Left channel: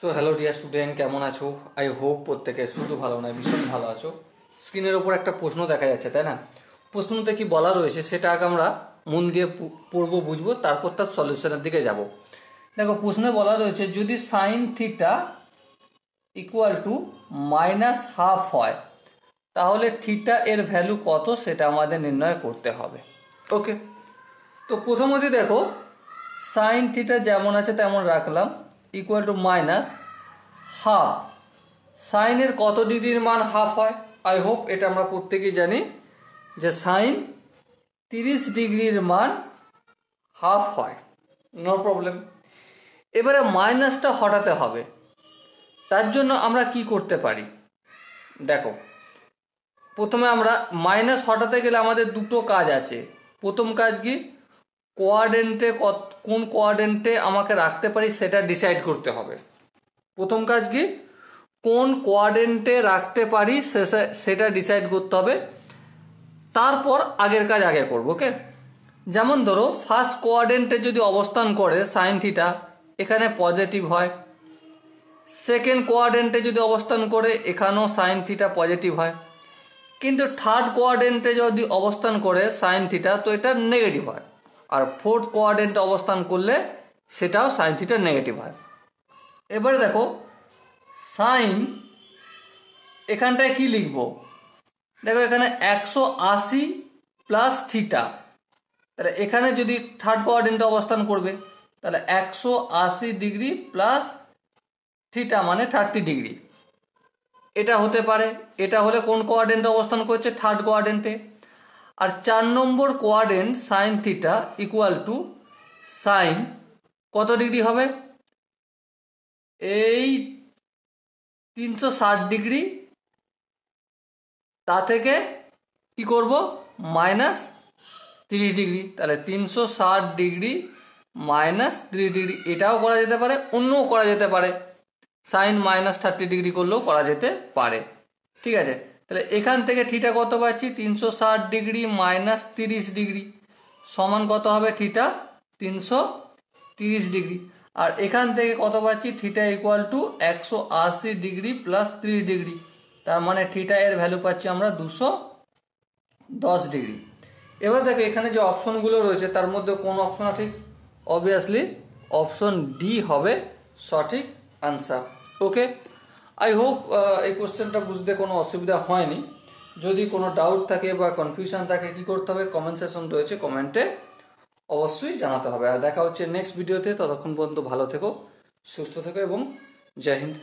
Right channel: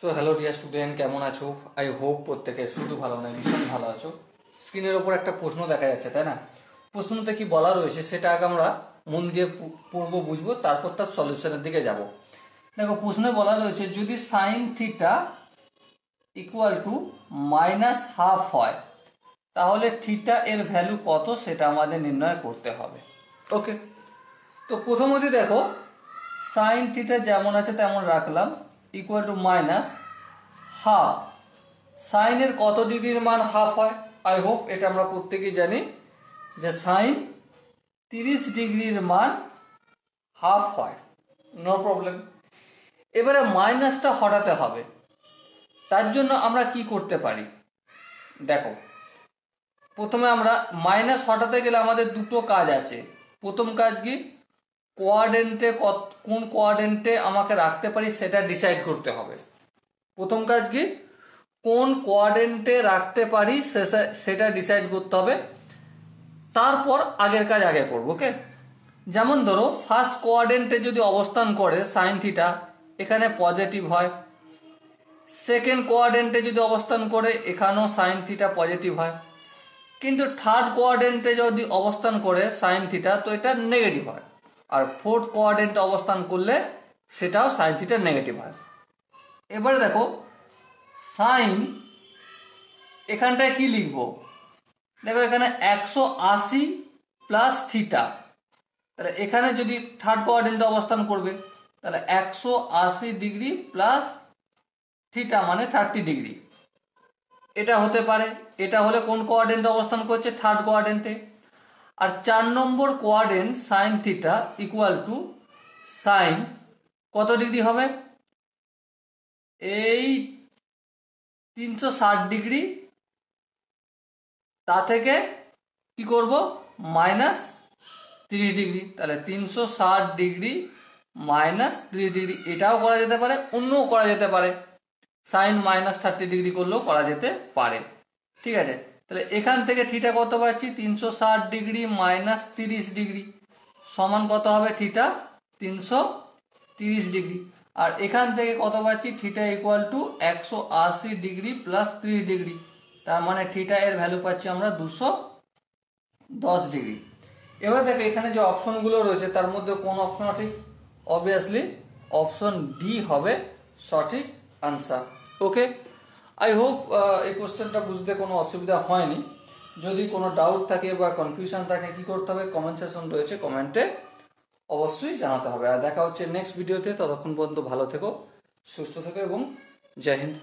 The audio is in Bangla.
সো হ্যালো ডিয়ার স্টুডেন্ট, কেমন আছো? আই হোপ প্রত্যেকে শুধু ভালো নয়, ভীষণ ভালো আছো। স্ক্রিনের ওপর একটা প্রশ্ন দেখা যাচ্ছে, তাই না? প্রশ্নতে কি বলা রয়েছে সেটা আগে আমরা মন দিয়ে পড়বো, বুঝবো, তারপর তার সলিউশনের দিকে যাব। দেখো, প্রশ্নে বলা রয়েছে যদি সাইন থিটা ইকুয়াল টু -12 হয় তাহলে থিটা এর ভ্যালু কত সেটা আমাদের নির্ণয় করতে হবে। ওকে, তো প্রথমত দেখো, সাইন থিটা যেমন আছে তেমন রাখলাম, ইকুয়াল টু -12। সাইনের কত ডিগ্রির মান হাফ হয়? আই হোপ এটা আমরা প্রত্যেকেই জানি যে সাইন 30 ডিগ্রির মান হাফ হয়, নো প্রবলেম। এবারে মাইনাসটা হটাতে হবে, তার জন্য আমরা কি করতে পারি? দেখো, প্রথমে আমরা মাইনাস হটাতে গেলে আমাদের দুটো কাজ আছে। প্রথম কাজ কি, কোয়াড্রেন্টে কোন কোয়াড্রেন্টে আমাকে রাখতে পারি সেটা ডিসাইড করতে হবে। প্রথম কাজ কি, কোন কোয়াড্রেন্টে রাখতে পারি সেটা ডিসাইড করতে হবে, তারপর আগের কাজ আগে করবো। ওকে, যেমন ধরো ফার্স্ট কোয়াড্রেন্টে যদি অবস্থান করে সাইন থিটা, এখানে পজিটিভ হয়। সেকেন্ড কোয়াড্রেন্টে যদি অবস্থান করে এখানেও সাইন থিটা পজিটিভ হয়। কিন্তু থার্ড কোয়াড্রেন্টে যদি অবস্থান করে সাইন থিটা, তো এটা নেগেটিভ হয়। আর ফোর্থ কোয়াড্রেন্টে অবস্থান করলে সেটাও সাইন থিটা নেগেটিভ হয়। এবারে দেখো, সাইন এখানটায় কি লিখবো? দেখো, এখানে 180 প্লাস থিটা, তাহলে এখানে যদি থার্ড কোয়াড্রেন্টে অবস্থান করবে তাহলে 180 ডিগ্রি প্লাস থিটা মানে 30 ডিগ্রি। এটা হতে পারে। এটা হলে কোন কোয়াড্রেন্টে অবস্থান করছে? থার্ড কোয়াড্রেন্টে। আর 4 নম্বর quadrant sine theta equal to sine কত ডিগ্রি হবে? এই 360 ডিগ্রি, তা থেকে কি করব? -30 ডিগ্রি। তাহলে 360 ডিগ্রি -30 ডিগ্রি, এটাও করা যেতে পারে, অন্যও করা যেতে পারে। সাইন -30 ডিগ্রি করলেও করা যেতে পারে। ঠিক আছে, তাহলে এখান থেকে থিটা কত পাচ্ছি? 360 ডিগ্রি -30 ডিগ্রি সমান কত হবে? Theta 330 degree. আর এখান থেকে কত পাচ্ছি? Theta equal two 180 degree plus 30 degree, তার মানে থিটা এর ভ্যালু পাচ্ছি আমরা 210 ডিগ্রি। এবার দেখো, এখানে যে অপশনগুলো রয়েছে তার মধ্যে কোন অপশন সঠিক? অবভিয়াসলি অপশন ডি হবে সঠিক আনসার। ওকে, আই হোপ এই কোশ্চেনটা বুঝতে কোনো অসুবিধা হয়নি। যদি কোনো ডাউট থাকে বা কনফিউশন থাকে, কি করতে হবে? কমেন্ট সেকশন রয়েছে, কমেন্টে অবশ্যই জানাতে হবে। আর দেখা হচ্ছে নেক্সট ভিডিওতে। ততক্ষণ পর্যন্ত ভালো থেকো, সুস্থ থেকো এবং জয় হিন্দ।